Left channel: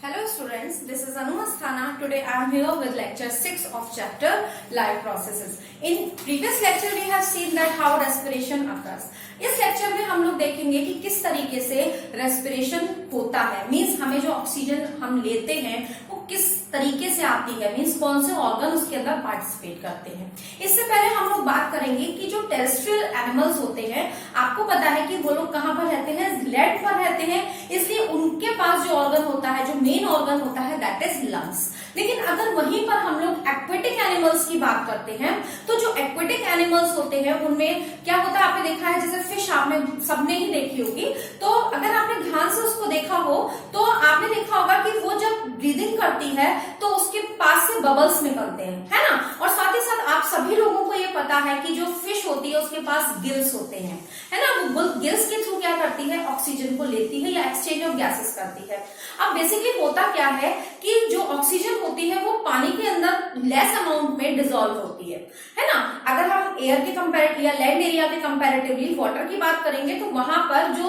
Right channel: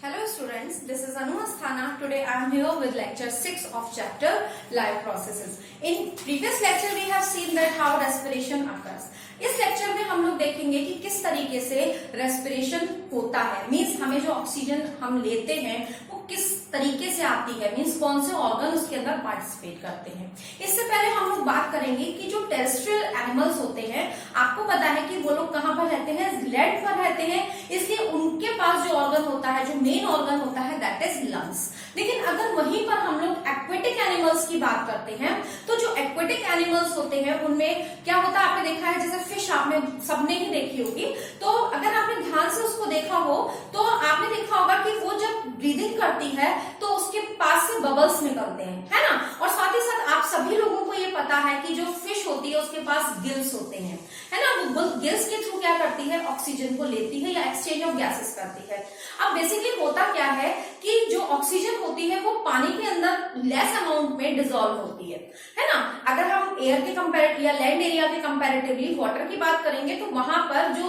Hello students, this is Anu Asthana. Today I am here with lecture 6 of chapter Life Processes. In previous lecture we have seen that how respiration occurs. इस lecture में हम लोग देखेंगे कि किस तरीके से रेस्पिरेशन होता है, मीन्स हमें जो ऑक्सीजन हम लेते हैं वो किस तरीके से आती है, मीन्स कौन से ऑर्गन उसके अंदर पार्टिसिपेट करते हैं। इससे पहले हम लोग बात करेंगे कि जो टेरेस्ट्रियल एनिमल्स होते हैं, आपको पता है कि वो लोग कहाँ पर रहते हैं, लैंड पर रहते हैं, इसलिए उनके पास जो ऑर्गन होता है, जो मेन ऑर्गन होता है दैट इज लंग्स। लेकिन अगर वहीं पर हम लोग एक्वेटिक एनिमल्स की बात करते हैं तो जो एक्वेटिक एनिमल्स होते हैं उनमें क्या होता है, आपने देखा है जैसे फिश आपने सबने ही देखी होगी, तो अगर आपने ध्यान से उसको देखा हो तो आपने देखा होगा कि वो जब ब्रीदिंग करती है तो उसके पास से बबल्स निकलते हैं, है ना। और साथ ही साथ आप सभी लोगों को ये पता है कि जो फिश होती है उसके पास गिल्स होते हैं, है ना। वो गिल्स के थ्रू क्या करती है, ऑक्सीजन को लेती है या एक्सचेंज ऑफ गैसेस करती है। अब बेसिकली होता क्या है कि जो ऑक्सीजन होती है वो पानी के अंदर लेस अमाउंट में डिसॉल्व होती है ना। अगर हम एयर के कंपैरेटिव या लैंड एरिया के कंपैरेटिवली वाटर की बात करेंगे तो वहां पर जो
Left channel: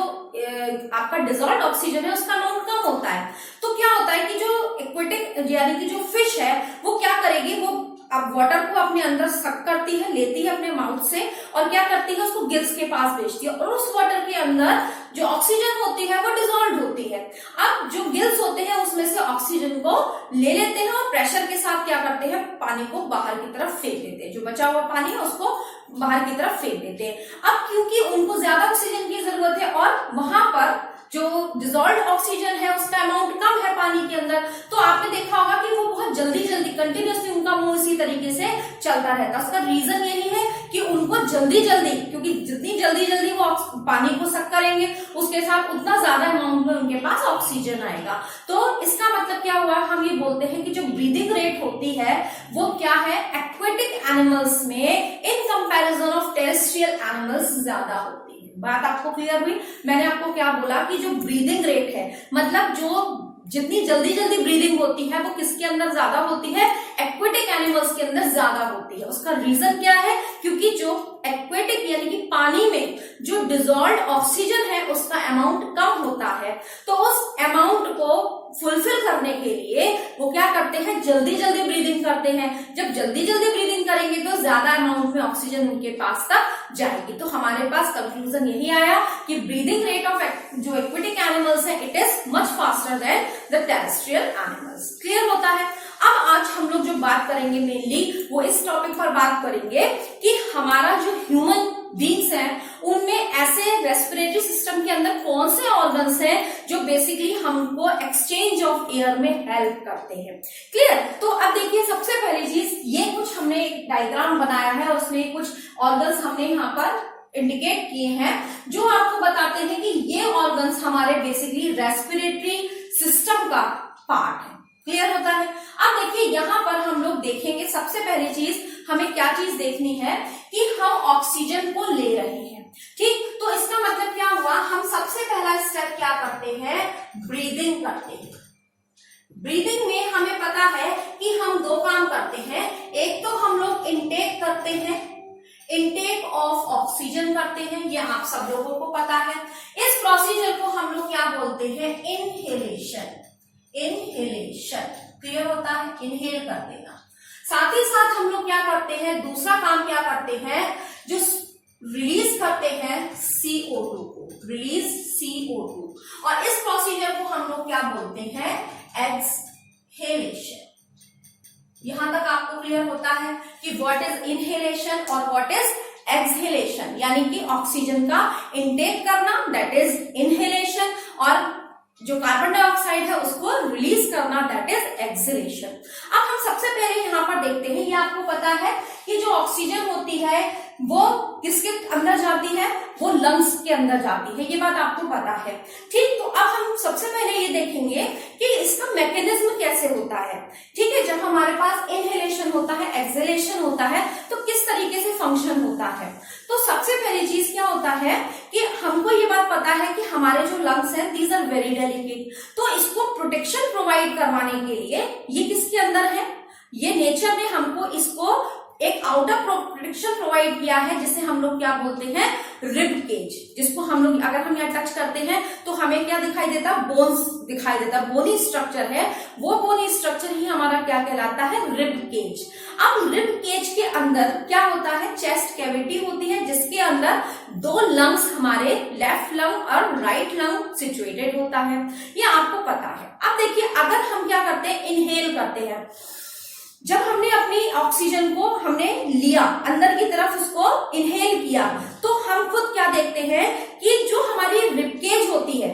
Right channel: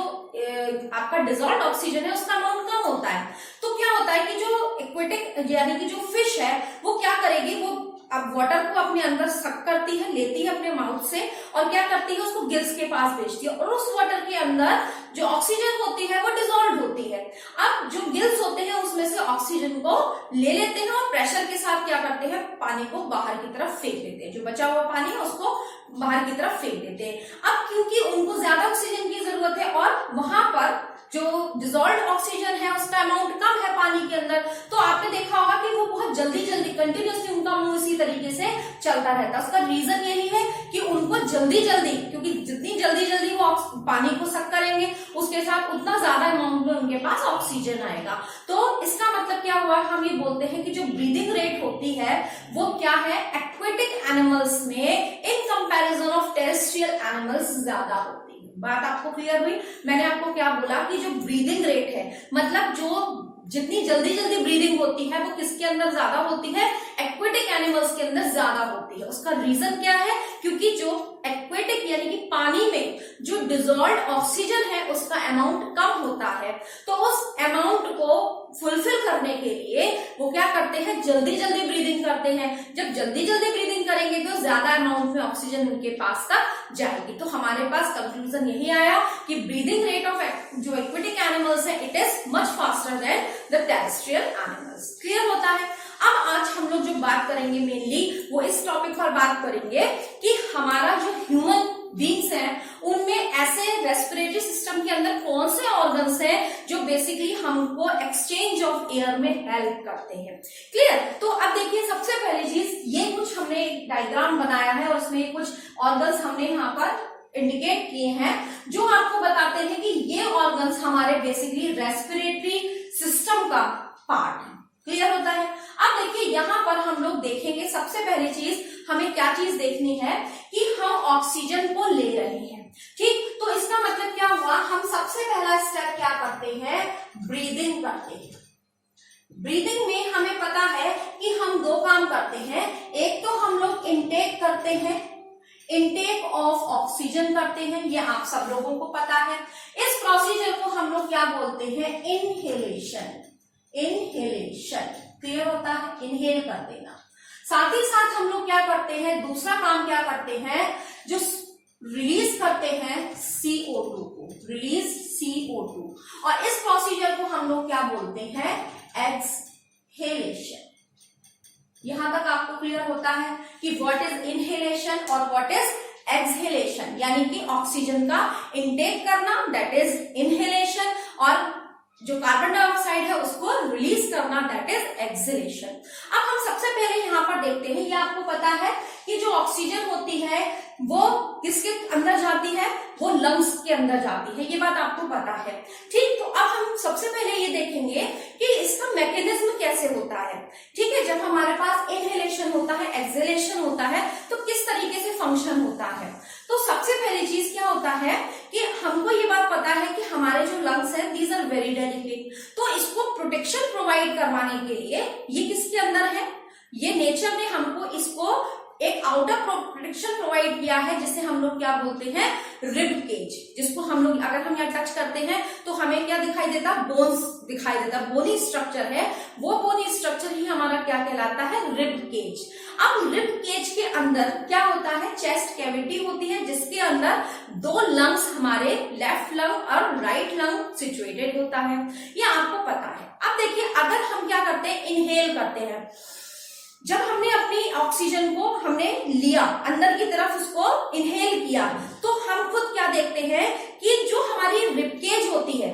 आपका डिसॉल्व ऑक्सीजन है उसका अमाउंट कम होता है। तो क्या होता है कि जो एक्वेटिक यानी कि जो फिश है वो क्या करेगी, वो अब वाटर को अपने अंदर सक करती है, लेती है अपने माउथ से और क्या करती है, उसको गिल्स के पास भेजती है और उस वाटर के अंदर जो ऑक्सीजन होती है वो डिसॉल्व होती है। अब जो गिल्स होते हैं उसमें से ऑक्सीजन को ले लेते हैं और प्रेशर के साथ क्या करते हैं, पानी को बाहर की तरफ फेंक देते हैं, जो बचा हुआ पानी है उसको बाहर की तरफ फेंक देते हैं। अब क्योंकि उनको ज्यादा ऑक्सीजन की जरूरत है और वहां पर जो डिसॉल्व ऑक्सीजन है उसका अमाउंट कम है पानी के अंदर, तो आपने देखा होगा कि वो बहुत जल्दी जल्दी कंटिन्यूअसली उनका मुंह इसी तरीके से चलता रहता है। उसका रीजन यही है कि उनको जल्दी जल्दी, क्योंकि जितनी जल्दी जल्दी वो पानी को सक करेंगे उसके साथ उतना ज्यादा अमाउंट में उनके पास ऑक्सीजन आएगा। तो इसका मतलब क्या हुआ, हम ये बोलते हैं कि जो ब्रीदिंग रेट होती है वो क्या है, एक्वेटिक एनिमल्स में in comparison of terrestrial animals ज्यादा होती है। बात आपको क्लियर हुई। मैंने आपको क्या बोला कि जो ब्रीदिंग रेट है, मतलब जो जितनी जल्दी जल्दी ब्रीदिंग होती है वो किसके अंदर ज्यादा होती है, एक्वेटिक एनिमल्स के अंदर ज्यादा होती है। उसका रीजन क्या है, क्योंकि जो एक्वेटिक यानी कि पानी में जो डिसॉल्व ऑक्सीजन है उसका अमाउंट कम होता है, तो उस अमाउंट को फुलफिल करने के लिए वो क्या करते हैं, जल्दी जल्दी ब्रीदिंग करते हैं। जब जल्दी जल्दी ब्रीदिंग करेंगे तो ज्यादा अमाउंट में ऑक्सीजन उनके पास तक जाएगी। तो हमारे पास कंक्लूजन यही आया कि ब्रीदिंग रेट ऑफ जो एक्वेटिक एनिमल्स है it is much faster than the terrestrial animals. Clear होता है। अब आज हम लोग जो बात करेंगे मेनली वो इस टॉपिक पर बात करेंगे कि हमारा जो ह्यूमन बींग्स हैं उनमें ऐसे रेस्पिरेटरी सिस्टम के अंदर कौन से ऑर्गन्स हैं जो बेसिकली हमको एक्सचेंज ऑफ एयर में हेल्प करते हैं। क्लियर। तो अब देखिए सबसे पहली चीज, ये कुछ हमने एक डायग्राम बनाया है और उसमें कुछ ऑर्गन्स हमने यहाँ पर इंडिकेट किए हैं जो आपको बताते हैं कि ये ऑर्गन्स हमारे बेसिकली रेस्पिरेटरी सिस्टम का पार्ट है। क्लियर होता है। अब देखिए यहाँ पर हम लोग देखेंगे सबसे पहली चीज हमें क्या चीज देखनी है कि हम ऑक्सीजन को ले रहे हैं, ठीक। तो इसका मतलब क्या हुआ, हम सबसे पहला स्टेप क्या करते हैं, ब्रीदिंग करते हैं। ब्रीदिंग में हमें पता है कि हम दो काम करते हैं, एक तो हम लोग इनटेक करते हैं, इनटेक ऑफ ऑक्सीजन करते हैं, ये आप सब लोगों को पता है। इस प्रोसीजर को हम लोग क्या बोलते हैं, इनहेलेशन। इनहेलेशन क्लियर होता है, इनहेल कर देना। साथ ही साथ हम लोग क्या करते हैं, दूसरा काम क्या करते हैं, जो रिलीज करते हैं CO2 को, रिलीज CO2, और इस प्रोसीजर को हम लोग क्या बोलते हैं, एक्सहेलेशन। यहां तक आपको क्लियर होता है कि व्हाट इज इनहेलेशन और व्हाट इज एक्सहेलेशन, यानी कि ऑक्सीजन का इनटेक करना दैट इज इनहेलेशन और जो कार्बन डाइऑक्साइड है उसको रिलीज करना दैट इज एक्सहेलेशन। अब हम सबसे पहले यहाँ पर देखते हैं, ये आपको पता है कि जो ऑक्सीजन होती है वो किसके अंदर जाती है, वो लंग्स के अंदर जाती है, ये बात आपको पता है, ठीक। तो अब हम सबसे पहले ये देखेंगे कि इसका मैकेनिज्म कैसे होता है, ठीक है। जब हमारे पास इनहेलेशन होता है, एक्सहेलेशन होता है, तो किस तरीके से फंक्शन होता है। तो सबसे पहली चीज क्या होता है कि हमको ये बात पता है कि हमारे जो लंग्स हैं दीज आर वेरी डेलिकेट, तो इसको प्रोटेक्शन प्रोवाइड करवाने के लिए ये किसके अंदर है, ये नेचर ने हमको इसको एक आउटर प्रोटेक्शन प्रोवाइड किया है जिसे हम लोग क्या बोलते हैं, रिब केज, जिसको हम लोग अगर हम यहाँ टच करते हैं तो हमें क्या दिखाई देता, बोन्स दिखाई देता, बोनी स्ट्रक्चर है, वो बोनी स्ट्रक्चर ही हमारा क्या कहलाता है, रिब केज। अब रिब केज के अंदर क्या होता है, चेस्ट कैविटी होती है जिसके अंदर 2 लंग्स हमारे लेफ्ट लंग और राइट लंग सिचुएटेड होता है, ये आपको पता है। अब देखिए अगर हम क्या करते हैं, इनहेल करते हैं, जब हमने अपनी ऑक्सीजन को हमने लिया अंदर की तरफ, उसको इनहेल किया, तो हम खुद क्या देखते हैं कि जो हमारी रिबकेज होती है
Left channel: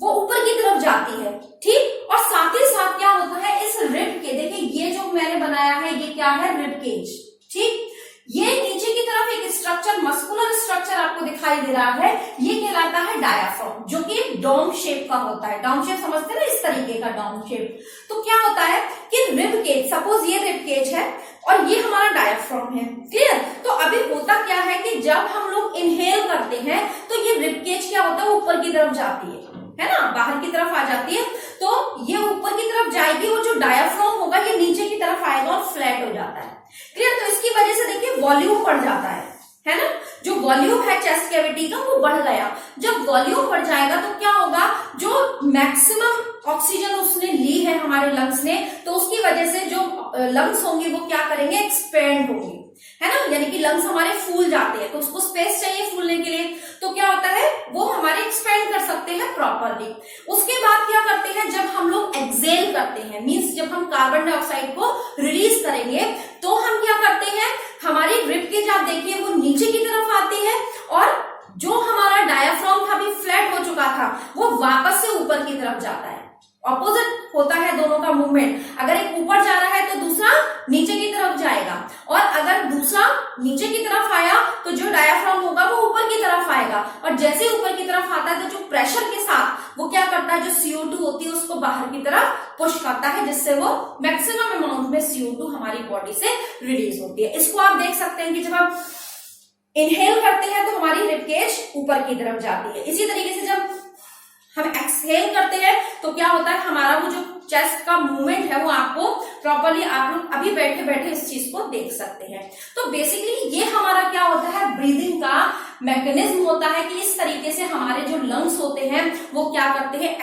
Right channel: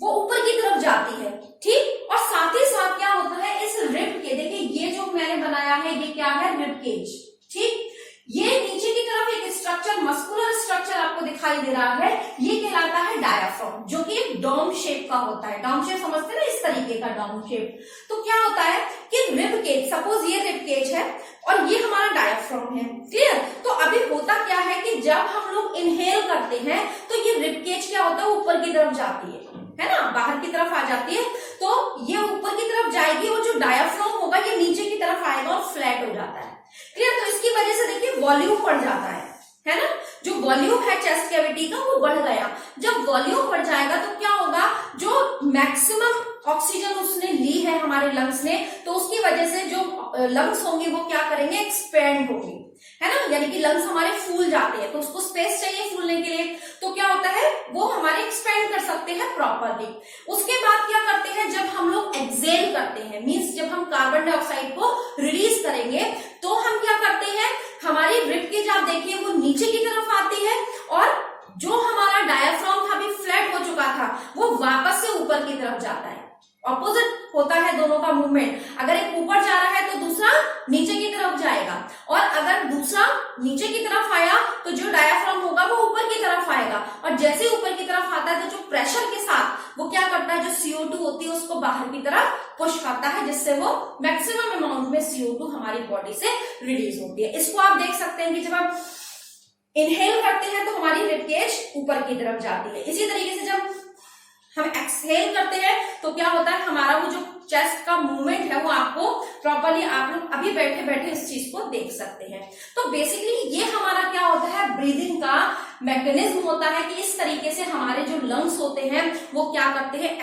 वो ऊपर की तरफ जाती है, ठीक, और साथ ही साथ क्या होता है, इस रिब के, देखिए ये जो मैंने बनाया है ये क्या है, रिबकेज, ठीक, ये नीचे की तरफ एक स्ट्रक्चर, मस्कुलर स्ट्रक्चर आपको दिखाई दे रहा है, ये कहलाता है डायाफ्राम, जो कि डोम शेप का होता है। डोम शेप समझते हैं ना, इस तरीके का डोम शेप। तो क्या होता है कि रिब केज, सपोज ये रिब केज है और ये हमारा डायाफ्राम है, क्लियर। तो अभी होता क्या है कि जब हम लोग इनहेल करते हैं तो ये रिब केज क्या होता है, ऊपर की तरफ जाती है ना, बाहर की तरफ आ जाती है, तो ये ऊपर की तरफ जाएगी, वो जो डायाफ्राम होगा ये नीचे की तरफ आएगा और फ्लैट हो जाता है, क्लियर। तो इसकी वजह से देखिए वॉल्यूम बढ़ जाता है ना, जो वॉल्यूम है चेस्ट कैविटी का वो बढ़ गया। जब वॉल्यूम बढ़ जाएगा तो क्या होगा, जो मैक्सिमम ऑक्सीजन उसने ली है हमारे लंग्स ने, तो उसकी वजह से जो लंग्स होंगे वो क्या करेंगे, एक्सपेंड होंगे, है ना, यानी कि लंग्स हमारे फूल जाते हैं, तो उसको स्पेस चाहिए फूलने के लिए, तो क्या होता है वो हमारे एक्सपेंड कर सकते हैं प्रॉपरली। उसके बाद क्या करते हैं, जब हम लोग एक्सेल करते हैं, मींस जब हम कार्बन डाइऑक्साइड को रिलीज करेंगे, तो हम क्या करते हैं, हमारी रिब केज आप देखिए वो नीचे की तरफ आती है, और जो हमारा डायाफ्राम था अभी फ्लैट हो चुका था वो वापस से ऊपर की तरफ जाता है। ऑपोजिट होता है दोनों का मूवमेंट, अगर एक ऊपर जा रहा है तो दूसरा नीचे की तरफ जाएगा, और अगर दूसरा नीचे की तरफ आया तो जो डायाफ्राम होगा वो ऊपर की तरफ आएगा, और जैसे ऊपर की तरफ आता है तो जो प्रेशर के साथ वो क्या करता है, जो CO2 होती है उसको बाहर की तरफ पुश करता है, जिससे वो मैक्सिमम अमाउंट में CO2 हमारी बॉडी से रिलीज होती है। इसको आप देख सकते हैं कि जब आप इनहेल करते हैं तो हमारी रिब केज ऊपर की तरफ जाती है, इसी तरीके से जब हम एक्सहेल करते हैं तो क्या होता है, हमारा वो जो चेस्ट का मूवमेंट है वो आपको प्रॉपरली, आप लोग अभी बैठे बैठे इस चीज को देख सकते हैं। तो बेसिकली ये हमारा क्या होता है, ब्रीदिंग का मैकेनिज्म होता है कि इस तरीके से हमारे जो लंग्स होते हैं वो क्या करते हैं,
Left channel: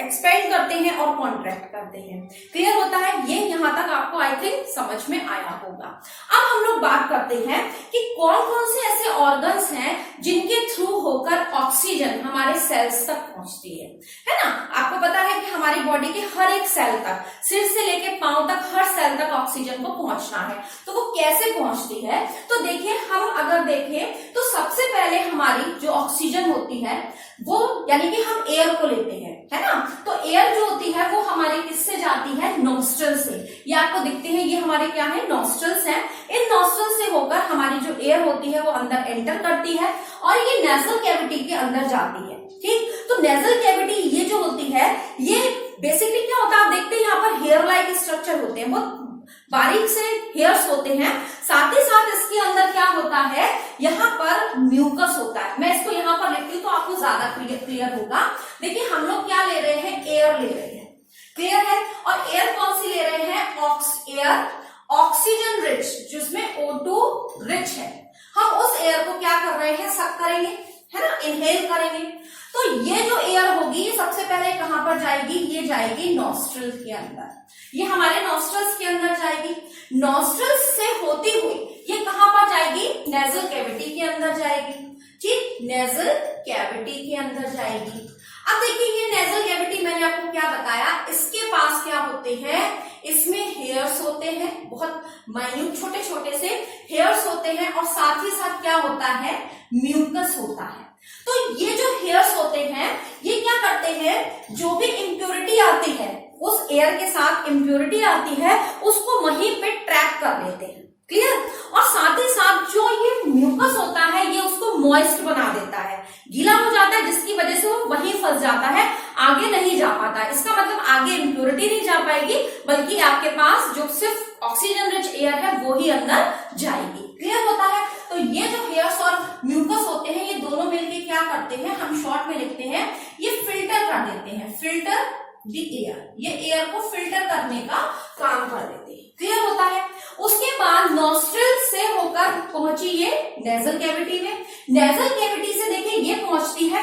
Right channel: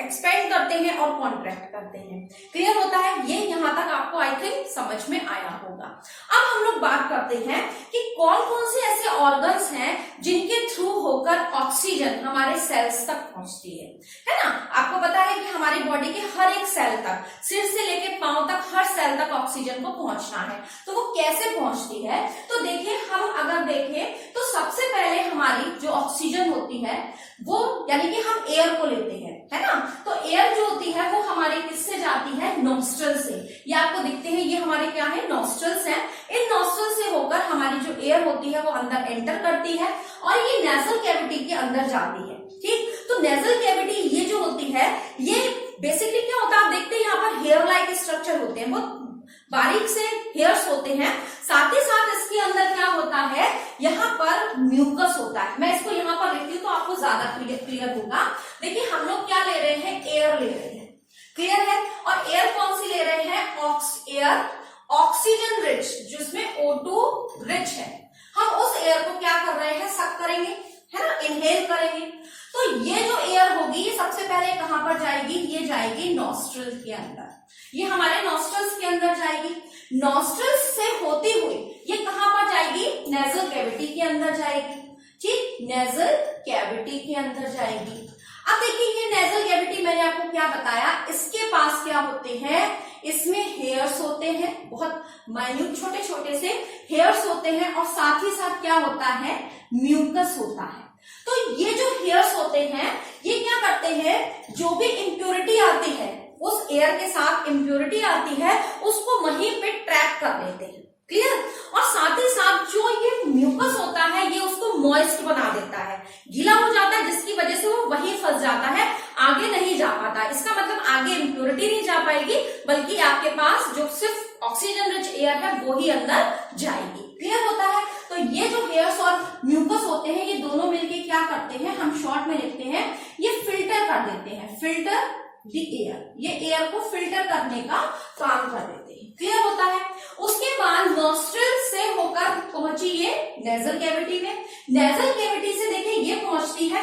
एक्सपेंड करते हैं और कॉन्ट्रैक्ट करते हैं। क्लियर होता है, ये यहां तक आपको आई थिंक समझ में आया होगा। अब हम लोग बात करते हैं कि कौन कौन से ऐसे ऑर्गन्स हैं जिनके थ्रू होकर ऑक्सीजन हमारे सेल्स तक पहुंचती है ना। आपको पता है कि हमारी बॉडी के हर एक सेल तक, सिर से लेकर पांव तक, हर सेल तक ऑक्सीजन को पहुंचना है, तो वो कैसे पहुंचती है। तो देखिए, हम अगर देखें तो सबसे पहले हमारी जो ऑक्सीजन होती है वो, यानी कि हम एयर को लेते हैं, है ना, तो एयर जो होती है वो हमारे किससे जाती है, नॉस्ट्रल से। ये आपको दिखते हैं, ये हमारे क्या है, नॉस्ट्रल्स हैं। इन नॉस्ट्रल से होकर हमारी जो एयर होती है वो अंदर एंटर करती है और ये नेजल कैविटी के अंदर जाती है, ठीक। तो नेजल कैविटी ये जो होती है, ये बेसिकली क्या होता है, आप देखते हैं यहाँ पर हेयर लाइक स्ट्रक्चर होते हैं, बहुत बारीक से हेयर्स होते हैं। साथ ही साथ इसके अंदर क्या होता है, यहाँ पर म्यूकस होता है। मैं इसको यहाँ पर लिखती हूँ तो आपको ज्यादा क्लियर होगा। देखिए, हम लोग क्या ले रहे हैं, एयर ले रहे हैं, क्लियर है। और एयर कौन सी ले रहे हैं, एयर ऑक्सीजन रिच, जिसमें O2 रिच है। हम उस एयर को क्या कर रहे हैं, सक करेंगे, है ना, इनहेल करेंगे। तो ये जो एयर होगी ये सबसे पहले कहां पर जाएगी, ये जाएगी नॉस्ट्रल के अंदर, ये हमारे नॉस्ट्रल्स के अंदर जाएगी। नॉस्ट्रल्स से होती हुई ये कहां पर जाएगी, नेजल कैविटी के अंदर जाएगी, ठीक, नेजल कैविटी के अंदर जाएगी। अब देखिए, ये नेजल कैविटी मैंने आपको क्या बताया, इसके पास क्या होते हैं, इसमें हेयर्स होते हैं, बहुत माइन्यूट छोटे छोटे से हेयर्स होते हैं, और साथ ही साथ क्या होता है, म्यूकस होता है। तो ये जो हेयर्स होते हैं ये क्या करते हैं, जो भी इम्प्योरिटी आती है, उस एयर के साथ इम्प्योरिटी आती है, उसको वहीं पे ट्रैप कर लेते हैं, क्लियर। और साथ ही साथ जो ये म्यूकस होता है ये उसको मॉइस्ट बना देता है, गीला हो जाता है, जिसकी वजह से वो वहीं फंस जाता है, आगे नहीं जा पाता। इसका मतलब आगे इम्प्योरिटी नहीं जा पाएगी, बल्कि आपके पास जो सिर्फ ऑक्सीजन रिच एयर है वो ही अंदर जाएगी, क्लियर होता है। तो ये जो हेयर्स और म्यूकस होते हैं ये दोनों मिलकर क्या करते हैं, हम शॉर्ट में लिखते हैं, ये फिल्टर कर देते हैं, फिल्टर द एयर, ये एयर को फिल्टर करने का काम कर देते हैं। क्लियर होता है। उसके बाद नॉस्ट्रिल से होकर पहुंची ये नेजल कैविटी में, नेजल कैविटी से देखिए ये पहुंचती है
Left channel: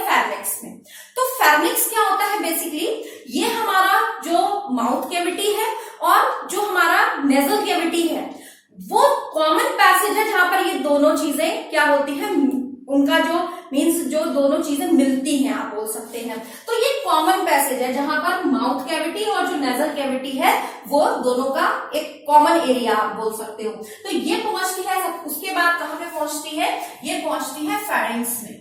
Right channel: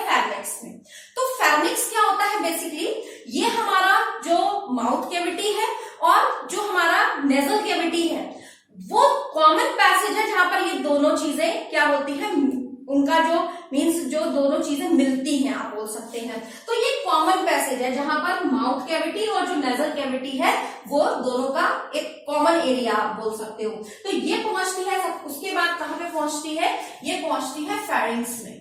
फेर्निक्स में। तो फेर्निक्स क्या होता है, बेसिकली ये हमारा जो माउथ कैविटी है और जो हमारा नेजल कैविटी है वो कॉमन पैसेज है जहां पर ये दोनों चीजें क्या होती है, उनका जो मीन्स जो दोनों चीजें मिलती हैं आप बोल सकते हैं। तो ये कॉमन पैसेज है जहां पर माउथ कैविटी और जो नेजल कैविटी है वो दोनों का एक कॉमन एरिया आप बोल सकते हो। तो ये पहुंचती है, उसके बाद कहां पे पहुंचती है, ये पहुंचती है फेरिंग्स में।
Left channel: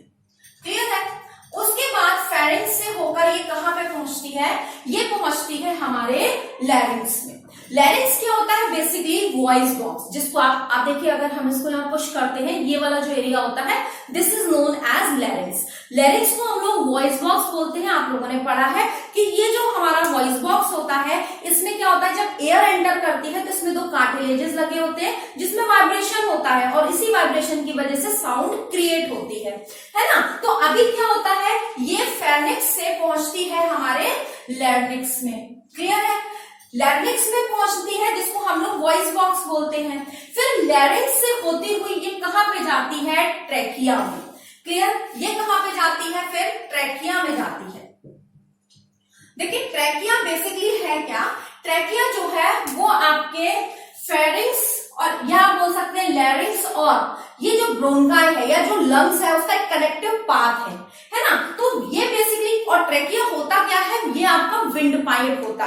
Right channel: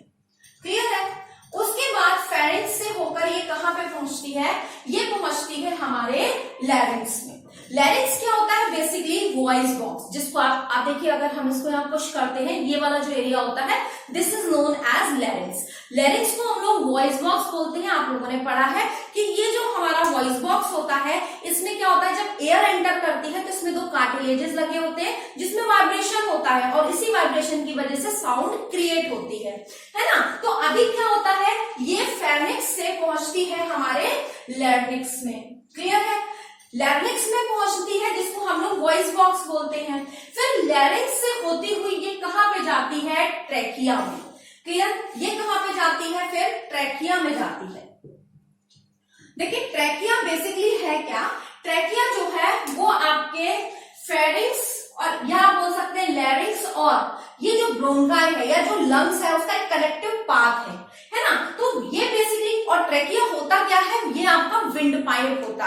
क्लियर है। उसके बाद फेरिंग्स से होकर ये कहां पे पहुंचती है, ये पहुंचती है हमारे लैरिंग्स में। लैरिंग्स क्या होता है, बेसिकली वॉइस बॉक्स, जिसको आप देखिए अगर हम इसको यहाँ पुश करते हैं, ये वाला जो एरिया होता है this is known as larynx. Larynx को हम लोग वॉइस बॉक्स बोलते हैं। आप लोगों ने पढ़ा है कि ये जो हमारा वॉइस बॉक्स होता है इसमें क्या होता है, जब एयर एंटर करती है तो इसमें दो कार्टिलेजेस लगे होते हैं जिसमें वाइब्रेशन होता है और इसी वाइब्रेशन की वजह से साउंड क्रिएट होती है ना। तो अभी क्या होता है, ये फेरिंक्स से पहुंचती है हमारे लैरिंक्स में। क्लियर है। लैरिंक्स में पहुंचती है जिसको हम लोग वॉइस बॉक्स बोलते हैं। फिर लैरिंक्स से होती हुई ये कहां पे जाती है, ट्रैकिया में। क्लियर। ये कहां पे जाती है, फिर ट्रैकिया में जाती है। देखिए ट्रैकिया बेसिकली है क्या, ट्रैकिया जो है वो आपके फेरिंक्स और या बोल सकते हैं लैरिंक्स और ये जो ब्रोंकाई है या जो लंग्स है उसका एक कनेक्टिव पाथ है ना। तो ये बेसिकली, और ट्रैकिया होता क्या है, ये आपका विंड पाइप होता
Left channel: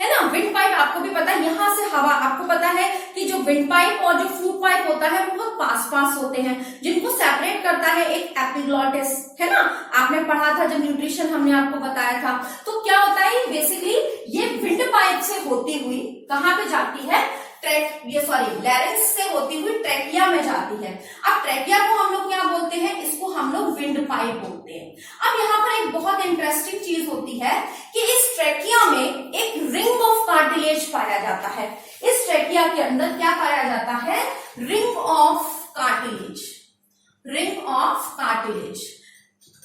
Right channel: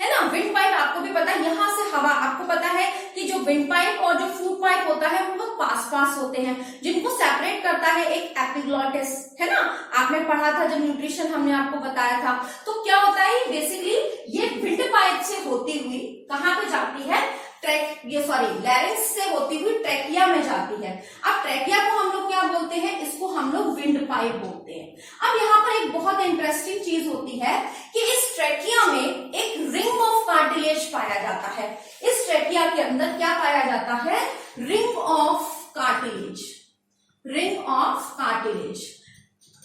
है ना। विंड पाइप आपको भी पता है, यहां से हवा, आपको पता है कि जो विंड पाइप और जो फूड पाइप होता है वो बहुत पास होते हैं, जिनको सेपरेट करता है एक एपिग्लॉटिस, है ना। आपने पढ़ा था जब न्यूट्रिशन हमने आपको बताया था। तो क्या होता है, बेसिकली ये विंड पाइप से होती हुई कहां पे जाती है, लैरिंक्स से होती हुई ट्रैकिया में जाती है। अब ट्रैकिया को हम लोग क्या बोलते हैं, इसको हम लोग विंड पाइप बोलते हैं। अब यहाँ पर एक बहुत इंटरेस्टिंग चीज होती है कि इस ट्रैकिया में एक रिंग ऑफ कार्टिलेज पाया जाता है। इस ट्रैकिया के अंदर क्या पाया जाता है, ring of cartilage. Ring of cartilage.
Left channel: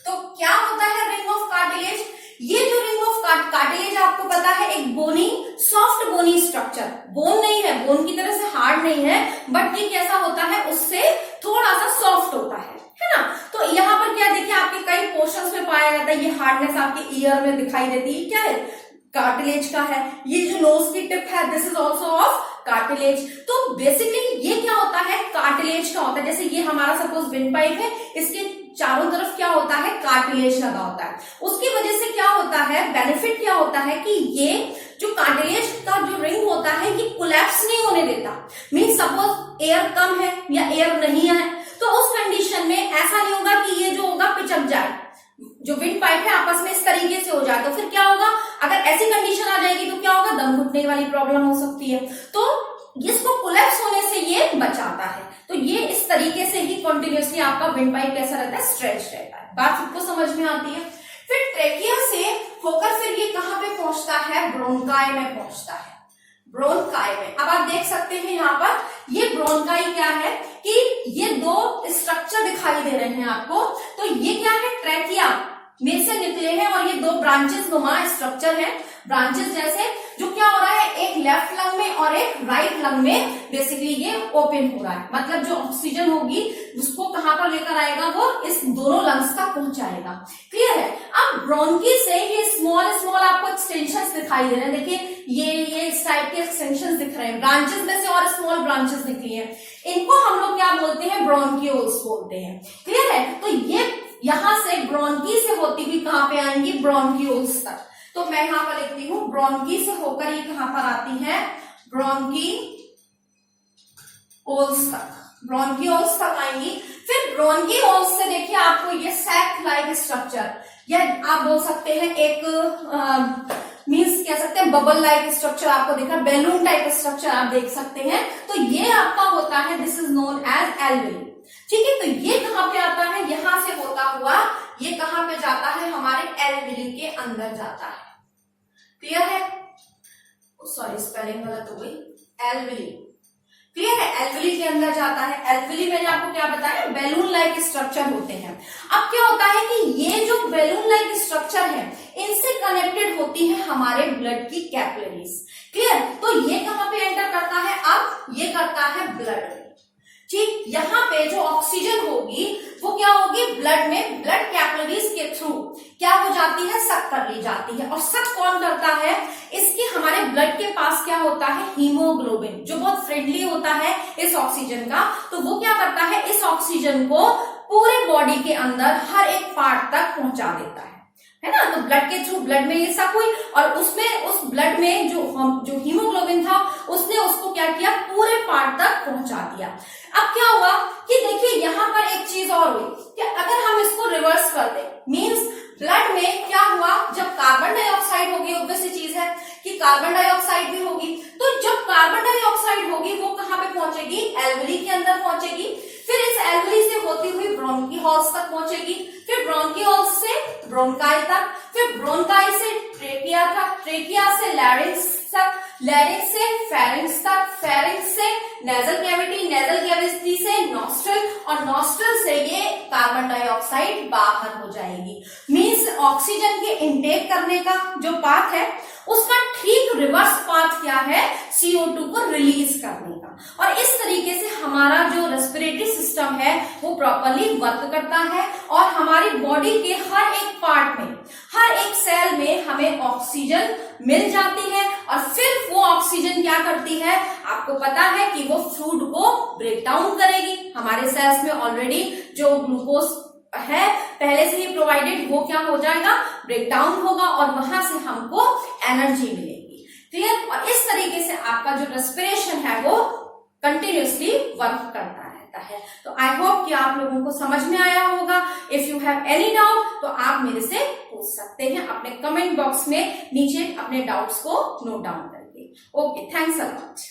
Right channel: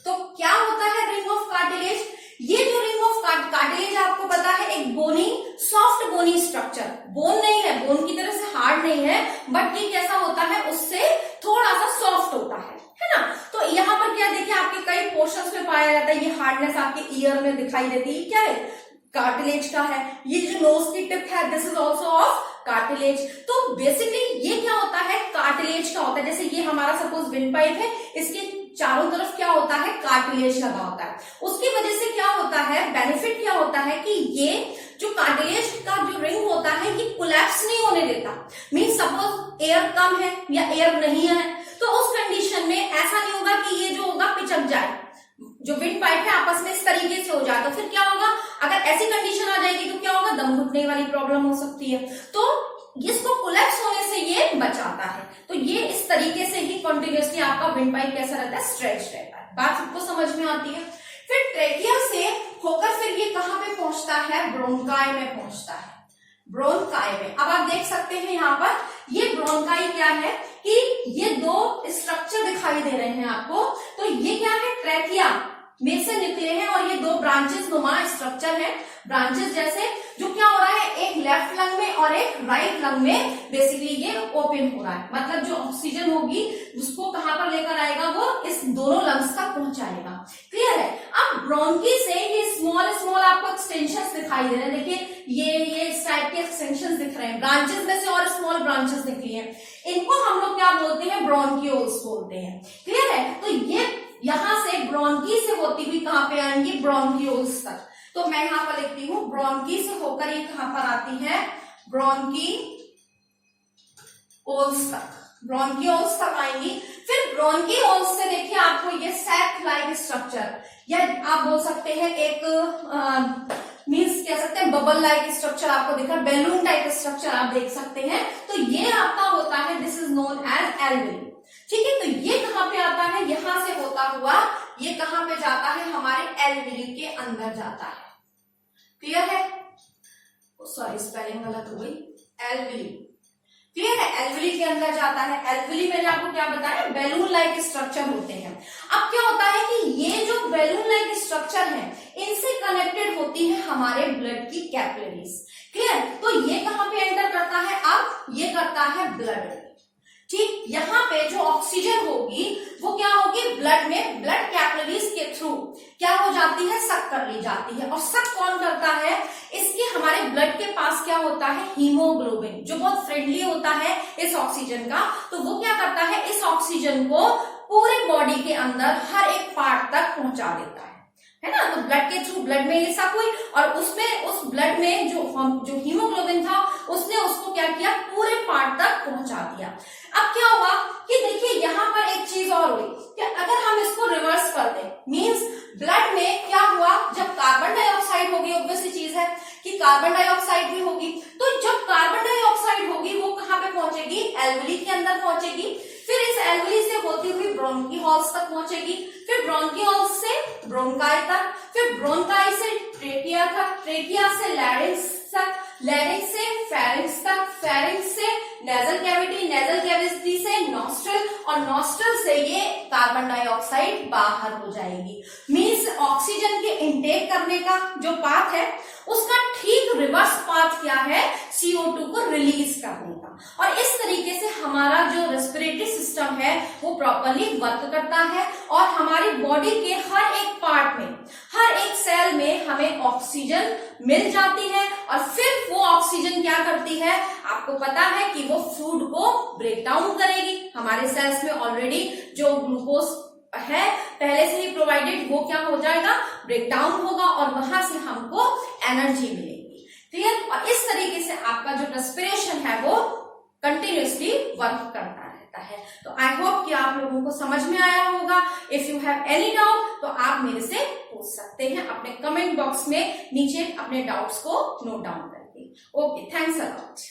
तो क्या होता है रिंग ऑफ कार्टिलेज, ये जो रिंग ऑफ कार्टिलेज आपको पता है एक बोनी, सॉफ्ट बोनी स्ट्रक्चर, बोन नहीं है, बोन की तरह से हार्ड नहीं है, बट ये कैसा होता है, उससे थोड़ा सा सॉफ्ट होता है ना। तो यहाँ पर क्या देखिए आपके कई पोर्शंस में पाया जाता है, ये हार्डनेस आपके ईयर में दिखाई देती है, क्या है, कार्टिलेज का है। ये जो नोज की टिप है this is also of cartilage. तो बेसिकली ये क्या होता है, कार्टिलेज का होता है। जैसे ये हमारा सपोज विंड पाइप है, इसके चारों तरफ क्या होता है, कार्टिलेज लगा होता है। उसकी वजह से क्या होता है, बेनिफिट क्या होता है कि ये जो कार्टिलेज का जो रिंग होता है ये कोलैप्स नहीं होने देता। मीन सपोज एयर कम है या एयर नहीं है तो उस कंडीशन में ऐसा नहीं होगा कि ये जो होगा पिचक जाए, जो विंड पाइप है आपस में इस तरीके से हो जाए। तो फिर क्या होगा, अगर ऐसी कंडीशन आ जाएगी तो क्या होगा, दम घुटने वाली प्रॉब्लम हो सकती है। तो इसको कोलैप्स होने से ये बचाता है। तो ये इस तरीके से ही कंटिन्यूअसली आपका विंड पाइप कैसा रहता है, स्ट्रेच रहता है। बात सबको समझ में आती है। फिर ट्रेकिया से होकर फिर ये कहां पे पहुंचता है, ब्रोंकाई में पहुंचता है। ब्रोंकाई में अब आप देख सकते हैं यहाँ पर ये ब्रोंकाई क्या है कि ये दो स्ट्रक्चर दिखाई दे रहे हैं आपको। तो ये क्या है, ट्रैकिया में से निकले हैं और ये दो ब्रांचेस नुमा स्ट्रक्चर है, ब्रांचेस जैसे, जो क्या हो रहा है, एक लेफ्ट लंग में और एक राइट लंग में बेसिकली ये ओपन हो रहा है। मतलब जो ऑक्सीजन होगी उसको कहां पर लेकर आएगा, वो इस दोनों लंग्स तक पहुंचाएगा। क्लियर है। अब ब्रोंकी से ये स्मॉल स्मॉल आपको एक्सटेंशन दिखाई दे रहे हैं। देखिए ये इस टाइप के एक्सटेंशन दिख रहे हैं, ब्रांचेस में से और स्मॉल ब्रांचेस निकली है। इनको हम लोग क्या बोलते हैं, ब्रोंकियोल्स बोलते हैं। क्लियर है। तो ये यहां से ब्रोंकी से होती हुई कहां पे आएंगी, ब्रोंकियोल्स तक। तो मैं यहां पर लिखती हूं ब्रोंकी से होकर ये कहां पर आती है, ब्रोंकियोल्स तक, ब्रोंकियोल्स तक आएंगी। फिर ब्रोंकियोल्स से देखिए आपको ये सैक लाइक स्ट्रक्चर, या आप बोल सकते हैं एक मीन्स कह सकते हैं बबल लाइक स्ट्रक्चर आपको दिखा, बैलून टाइप स्ट्रक्चर आप देख सकते हैं। तो ये आपका होता है, this is known as alveoli. ठीक है। तो ये कहां पे आता है, यहां से होता हुआ ये कहां पे जाता है, हमारे एल्वेली के अंदर जाता है। क्लियर है। सॉरी स्पेलिंग गलत हो गई, एल्वेली। क्लियर है। एल्वेली के अंदर जाता है। एल्वेली मैंने आपको क्या बताया, बैलून लाइक स्ट्रक्चर होते हैं। अब क्या होता है कि ये जो बैलून लाइक स्ट्रक्चर है इनसे कनेक्टेड होती है हमारे ब्लड की कैपिलरीज। क्लियर? तो ये कहां पे एंटर करता है, अब ये करता है ब्लड में। ठीक, यहाँ पे जो ऑक्सीजन होगी वो क्या होगी, ब्लड में, ब्लड कैपिलरीज के थ्रू क्या हो जाती है, सक कर ली जाती है। और सक कौन करता है, इसके हमारे ब्लड के पास क्या होता है, हीमोग्लोबिन, जो बहुत फ्रेंडली होता है इस ऑक्सीजन का। तो वो क्या करता है, इस ऑक्सीजन को पूरे बॉडी के अंदर हर एक पार्ट तक पहुंचा देता है ना। तो ब्लड के थ्रू, ब्लड में ये सक हुई और उसमें, उस ब्लड में जो हीमोग्लोबिन था उसने उसको क्या किया, पूरे पार्ट तक पहुंचा दिया। अब क्या हुआ कि देखिए यहाँ पर एक चीज और हुई कि अगर हम इसको रिवर्स कर दें, मींस ब्लड में क्या हुआ, जब कार्बन डाइऑक्साइड होगी, ऑब्वियस सी चीज है कि कार्बन डाइऑक्साइड भी होगी, तो जब कार्बन डाइऑक्साइड होगी वो कहाँ पे पहुंचेगी, एल्वेली के अंदर पहुंचेगी। फिर इस एल्वेली से होती हुई ब्रोंकीहोल्स तक पहुंचेगी, फिर ब्रोंकीहोल्स से ब्रोंकाई तक, फिर ब्रोंकाई से ट्रेकिया तक, ट्रेकिया से लैरिंक्स तक, लैरिंक्स से फेरिंक्स तक, फेरिंक्स से नेजल कैविटी, नेजल कैविटी से नॉस्ट्रल, और नॉस्ट्रल से ये कार्बन डाइऑक्साइड बाहर हो जाएगी। मींस ऑक्सीजन के इनटेक करने का जो पाथ है उसका ठीक रिवर्स पाथ क्या है, CO2 को रिलीज करने का। और इस तरीके से हमारा जो रेस्पिरेटरी सिस्टम है वो प्रॉपरली वर्क करता है और हमारी बॉडी के हर एक पार्ट में, हर एक सेल में हमें ऑक्सीजन मिल जाती है। और फिर वो ऑक्सीजन क्या करती है, आपको पता है कि वो फूड को ब्रेक डाउन करेगी। हमारे सेल्स में ऑलरेडी जो ग्लूकोज है पहले से ही प्रोवाइडेड, वो क्या हो जाएगा, ब्रेक डाउन होगा और वहां से हमको एनर्जी मिलेगी। क्लियर? और इस तरीके से आपका जो रेस्पिरेशन है वो कंटिन्यूअसली वर्क करता रहता है। तो आई होप कि आप लोगों को समझ में आया होगा। If you have any doubt तो आप मेरे से पूछ सकते हैं अपने कमेंट बॉक्स में नीचे अपने डाउट्स को नोट डाउन करके। Okay, thanks a lot.